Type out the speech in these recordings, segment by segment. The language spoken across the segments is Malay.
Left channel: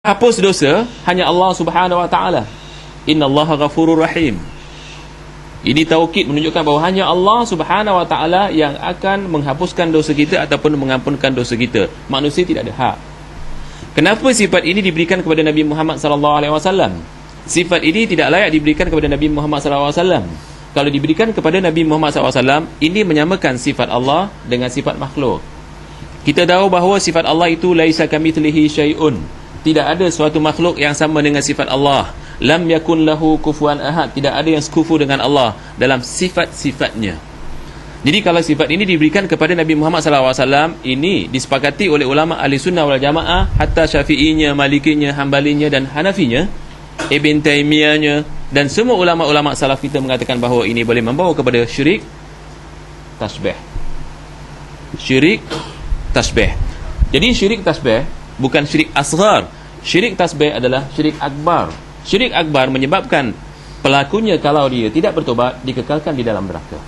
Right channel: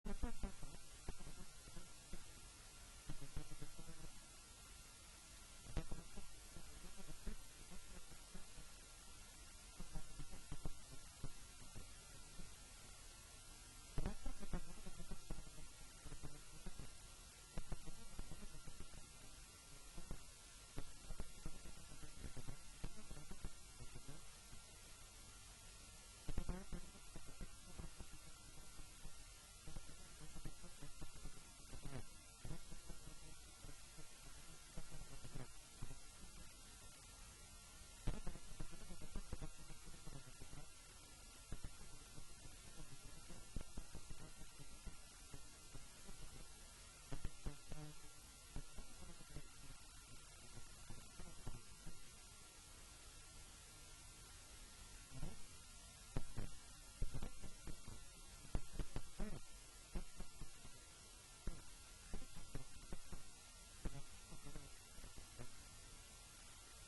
hapus dosa hanya Allah Subhanahu wa taala. Innallaha ghafurur rahim. Ini taukid menunjukkan bahawa hanya Allah Subhanahu wa taala yang akan menghapuskan dosa kita ataupun mengampunkan dosa kita. Manusia tidak ada hak. Kenapa sifat ini diberikan kepada Nabi Muhammad sallallahu alaihi wasallam? Sifat ini tidak layak diberikan kepada Nabi Muhammad sallallahu alaihi wasallam. Kalau diberikan kepada Nabi Muhammad sallallahu alaihi wasallam, ini menyamakan sifat Allah dengan sifat makhluk. Kita tahu bahawa sifat Allah itu laisa kamitslihi syai'un. Tidak ada suatu makhluk yang sama dengan sifat Allah. Lam yakun lahu kufuwan ahad. Tidak ada yang sekufu dengan Allah dalam sifat-sifatnya. Jadi kalau sifat ini diberikan kepada Nabi Muhammad SAW, ini disepakati oleh ulama ahli sunnah wal jamaah, hatta syafi'inya, malikinya, hambalinya dan hanafinya, Ibn Taymiyahnya, dan semua ulama-ulama salaf kita mengatakan bahawa ini boleh membawa kepada syirik tasbih. Syirik tasbih. Jadi syirik tasbih bukan syirik asghar. Syirik tasbih adalah syirik akbar. Syirik akbar menyebabkan pelakunya kalau dia tidak bertobat dikekalkan di dalam neraka.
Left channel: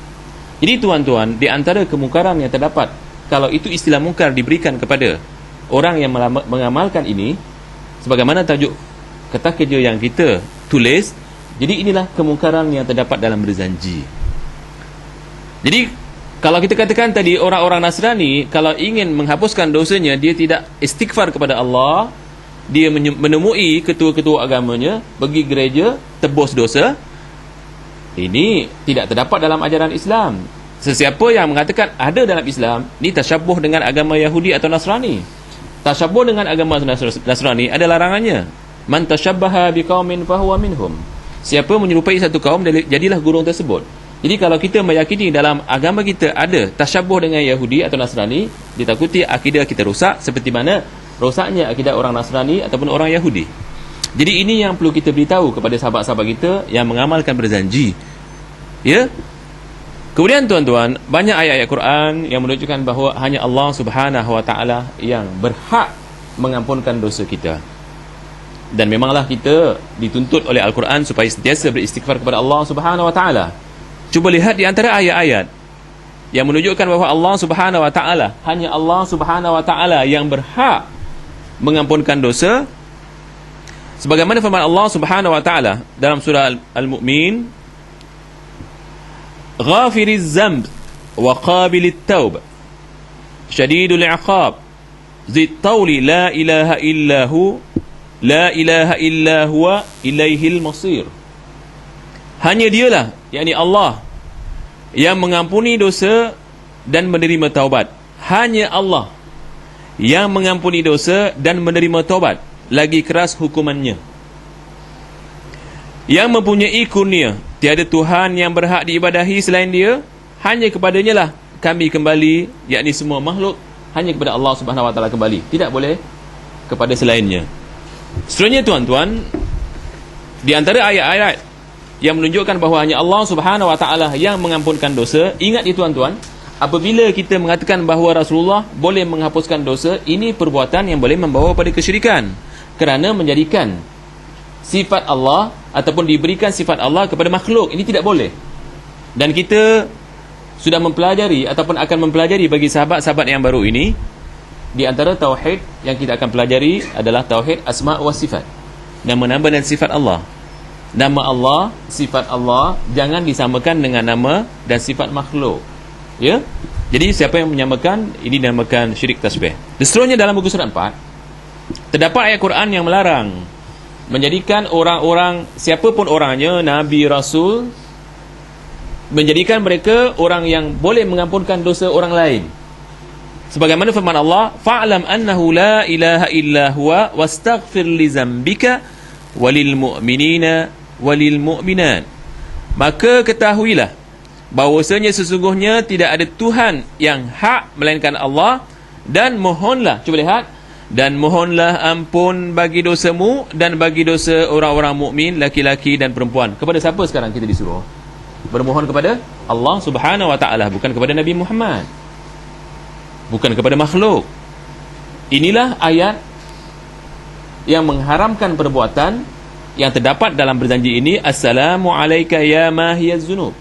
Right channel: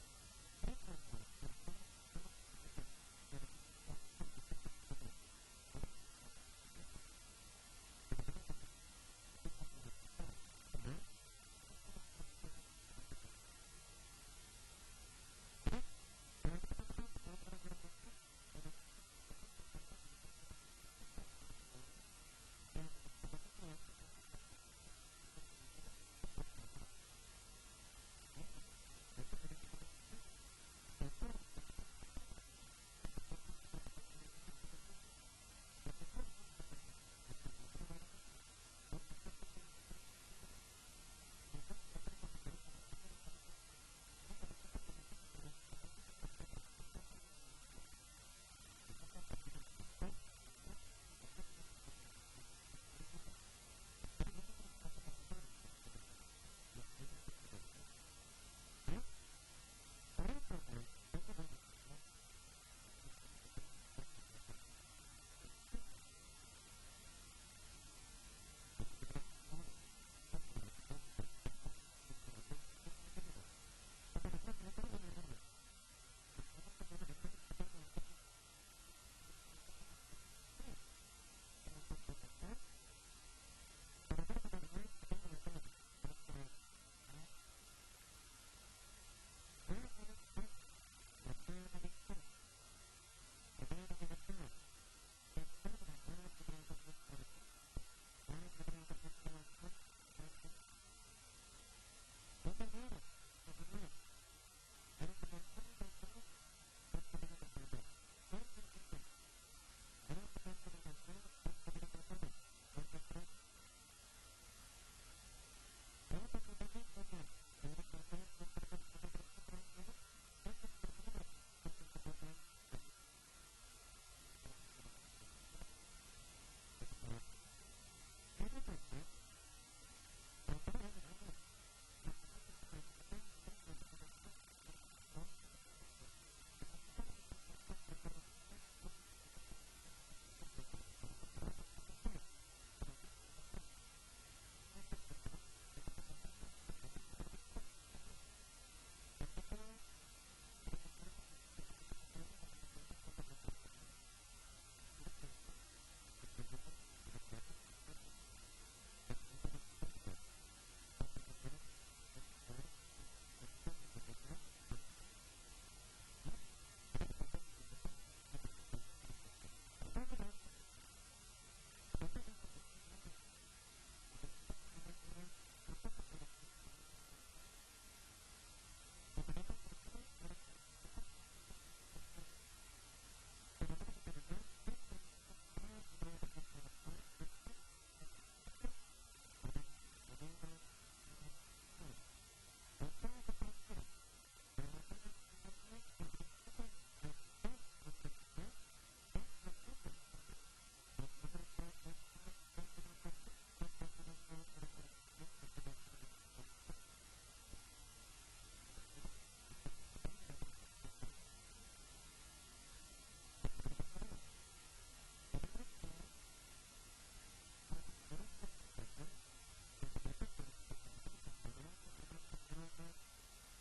Jadi tuan-tuan, di antara kemungkaran yang terdapat, kalau itu istilah mungkar diberikan kepada orang yang mengamalkan ini, sebagaimana tajuk kata kerja yang kita tulis, jadi inilah kemungkaran yang terdapat dalam berzanji. Jadi kalau kita katakan tadi, orang-orang Nasrani kalau ingin menghapuskan dosanya, dia tidak istighfar kepada Allah, dia menemui ketua-ketua agamanya, pergi gereja, tebus dosa. Ini tidak terdapat dalam ajaran Islam. Sesiapa yang mengatakan ada dalam Islam, ini tasyabuh dengan agama Yahudi atau Nasrani. Tasyabuh dengan agama Nasrani ada larangannya. Man tasyabbaha biqaumin fahuwa minhum. Siapa menyerupai satu kaum, jadilah gurung tersebut. Jadi kalau kita meyakini dalam agama kita ada tasyabuh dengan Yahudi atau Nasrani, ditakuti akidah kita rosak seperti mana rosaknya akidah orang Nasrani ataupun orang Yahudi. Jadi ini yang perlu kita beritahu kepada sahabat-sahabat kita yang mengamalkan berzanji. Ya? Kemudian tuan-tuan, banyak ayat-ayat Quran yang menunjukkan bahawa hanya Allah Subhanahu wa taala yang berhak mengampunkan dosa kita. Dan memanglah kita dituntut oleh Al-Quran supaya sentiasa beristighfar kepada Allah Subhanahu wa taala. Cuba lihat di antara ayat-ayat yang menunjukkan bahawa Allah Subhanahu wa taala, hanya Allah Subhanahu wa taala yang berhak mengampunkan dosa. Sebagaimana firman Allah Subhanahu wa taala dalam surah Al-Mu'min, Ghafiriz zamb wa qabilit taub, syadidul iqab, zid tawli la ilaha illahu, la ilaha illa huwa ilaihil masir. Hanya dialah, yakni Allah, yang mengampuni dosa dan menerima taubat. Hanya Allah yang mengampuni dosa dan menerima taubat, lagi keras hukumannya. Yang mempunyai kurnia, tiada Tuhan yang berhak diibadahi selain dia, hanya kepadanya lah kami kembali, yakni semua makhluk hanya kepada Allah Subhanahu wa taala kembali, tidak boleh kepada selainnya. Seterusnya tuan-tuan, di antara ayat-ayat yang menunjukkan bahawa hanya Allah Subhanahu wa taala yang mengampunkan dosa, ingat ya tuan-tuan, apabila kita mengatakan bahawa Rasulullah boleh menghapuskan dosa, ini perbuatan yang boleh membawa pada kesyirikan, kerana menjadikan sifat Allah ataupun diberikan sifat Allah kepada makhluk, ini tidak boleh. Dan kita sudah mempelajari ataupun akan mempelajari bagi sahabat-sahabat yang baru ini, di antara tauhid yang kita akan pelajari adalah tauhid asma' wa sifat, nama-nama dan sifat Allah. Nama Allah, sifat Allah jangan disamakan dengan nama dan sifat makhluk. Ya? Jadi siapa yang menyamakan, ini dinamakan syirik tasbih. Dan seterusnya dalam buku surat 4 terdapat ayat Quran yang melarang menjadikan orang-orang, siapapun orangnya, Nabi, Rasul, menjadikan mereka orang yang boleh mengampunkan dosa orang lain. Sebagaimana firman Allah, fa'lam annahu la ilaha illa huwa wastaghfir li zambika walil mu'minina walil mu'minat. Maka ketahuilah bahawasanya sesungguhnya tidak ada Tuhan yang hak melainkan Allah, dan mohonlah, cuba lihat, dan mohonlah ampun bagi dosamu dan bagi dosa orang-orang mukmin laki-laki dan perempuan. Kepada siapa sekarang kita disuruh? Bermohon kepada Allah Subhanahu wa taala, bukan kepada Nabi Muhammad, bukan kepada makhluk. Inilah ayat yang mengharamkan perbuatan yang terdapat dalam berjanji ini. Assalamu alayka ya mahiyaz zunub.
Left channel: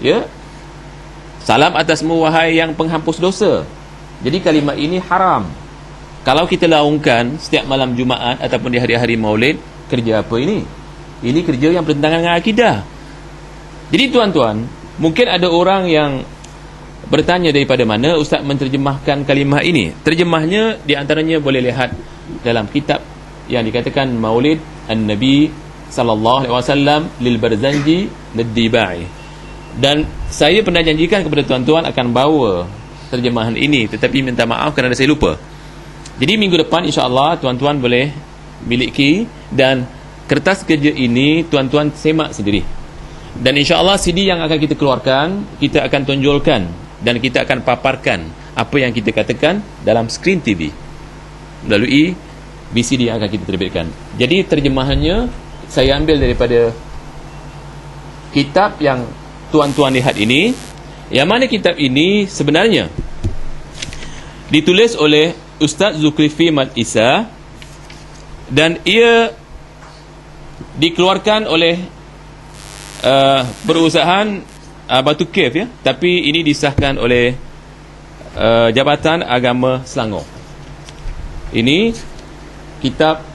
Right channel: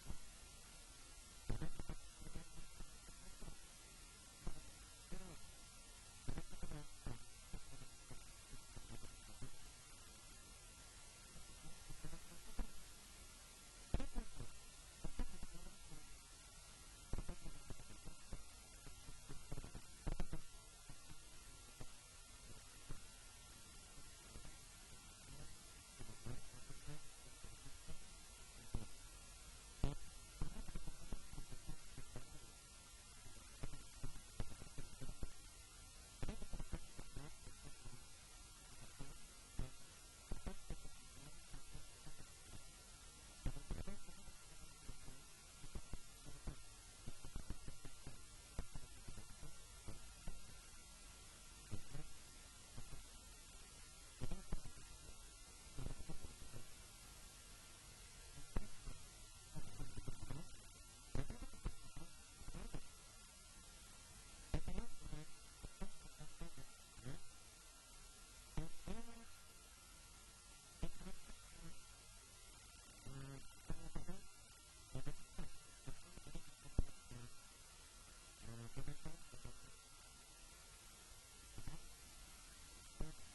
Ya, salam atasmu wahai yang penghapus dosa. Jadi kalimat ini haram. Kalau kita laungkan setiap malam Jumaat ataupun di hari-hari Maulid, kerja apa ini? Ini kerja yang bertentangan dengan akidah. Jadi tuan-tuan, mungkin ada orang yang bertanya daripada mana Ustaz menterjemahkan kalimah ini. Terjemahnya di antaranya boleh lihat dalam kitab yang dikatakan Maulid An-Nabi sallallahu alaihi wasallam lil Barzanji Nadibai. Dan saya pernah janjikan kepada tuan-tuan akan bawa terjemahan ini, tetapi minta maaf kerana saya lupa. Jadi minggu depan insya-Allah tuan-tuan boleh miliki, dan kertas kerja ini tuan-tuan semak sendiri. Dan insya-Allah CD yang akan kita keluarkan, kita akan tonjolkan dan kita akan paparkan apa yang kita katakan dalam skrin TV melalui VCD yang akan kita terbitkan. Jadi terjemahannya saya ambil daripada kitab yang tuan-tuan lihat ini, yang mana kitab ini sebenarnya ditulis oleh Ustaz Zulkifli Mat Isa, dan ia dikeluarkan oleh perusahaan Batu Cave, ya, tapi ini disahkan oleh Jabatan Agama Selangor. Ini kitab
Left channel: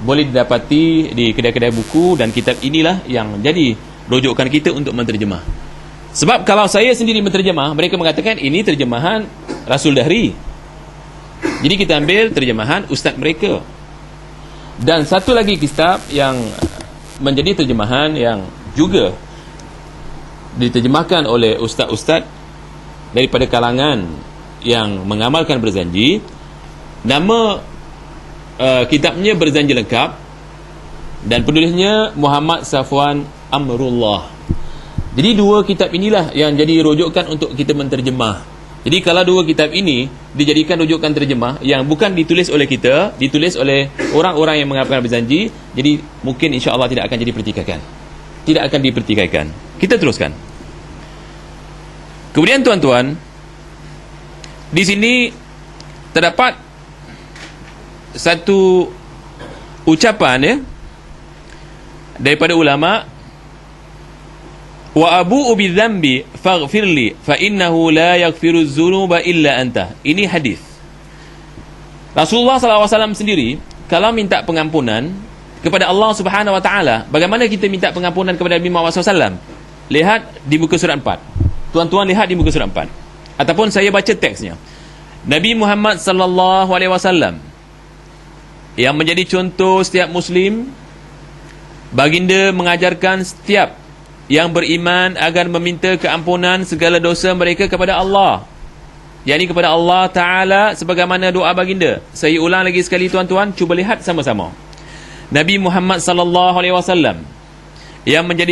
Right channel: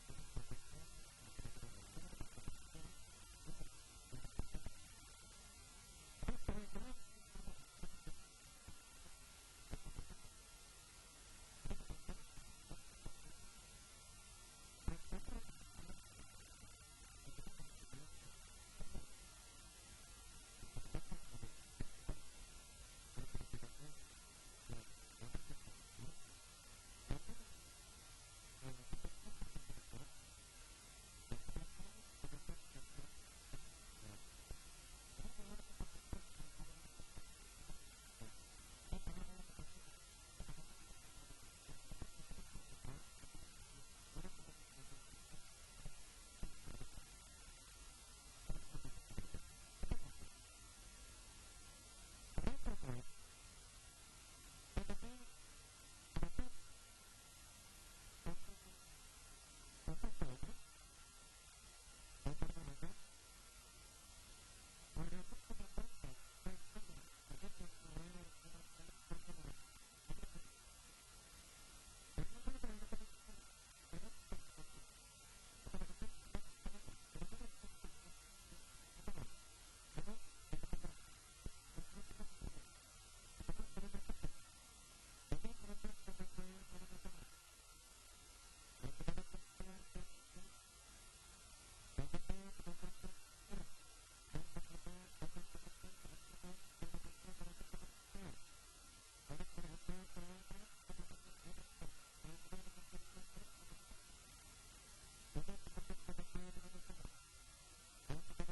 boleh didapati di kedai-kedai buku, dan kitab inilah yang jadi rujukan kita untuk menterjemah. Sebab kalau saya sendiri menterjemah, mereka mengatakan ini terjemahan Rasul Dahri. Jadi kita ambil terjemahan ustaz mereka. Dan satu lagi kitab yang menjadi terjemahan yang juga diterjemahkan oleh ustaz-ustaz daripada kalangan yang mengamalkan berzanji. Nama kitabnya Berzanji Lengkap, dan penulisnya Muhammad Safwan Amrullah. Jadi dua kitab inilah yang jadi rujukan untuk kita menterjemah. Jadi kalau dua kitab ini dijadikan rujukan terjemah yang bukan ditulis oleh kita, ditulis oleh orang-orang yang mengamalkan berzanji, jadi mungkin insya-Allah tidak akan jadi pertikaian. Tidak akan dipertikaikan. Kita teruskan. Kemudian tuan-tuan, di sini terdapat satu ucapan, ya, daripada ulama, wa abu'u bidzambi faghfirli fa innahu la yaghfiru dzunuba illa anta. Ini hadis Rasulullah SAW sendiri kalau minta pengampunan kepada Allah Subhanahu wa taala. Bagaimana kita minta pengampunan kepada Nabi Muhammad SAW? Lihat di muka surat 4. Tuan-tuan lihat di muka surat 4, ataupun saya baca teksnya. Nabi Muhammad sallallahu alaihi wasallam yang menjadi contoh setiap muslim, baginda mengajarkan setiap yang beriman agar meminta keampunan segala dosa mereka kepada Allah, yakni kepada Allah Ta'ala, sebagaimana doa baginda. Saya ulang lagi sekali tuan-tuan, cuba lihat sama-sama. Nabi Muhammad sallallahu alaihi wasallam yang menjadi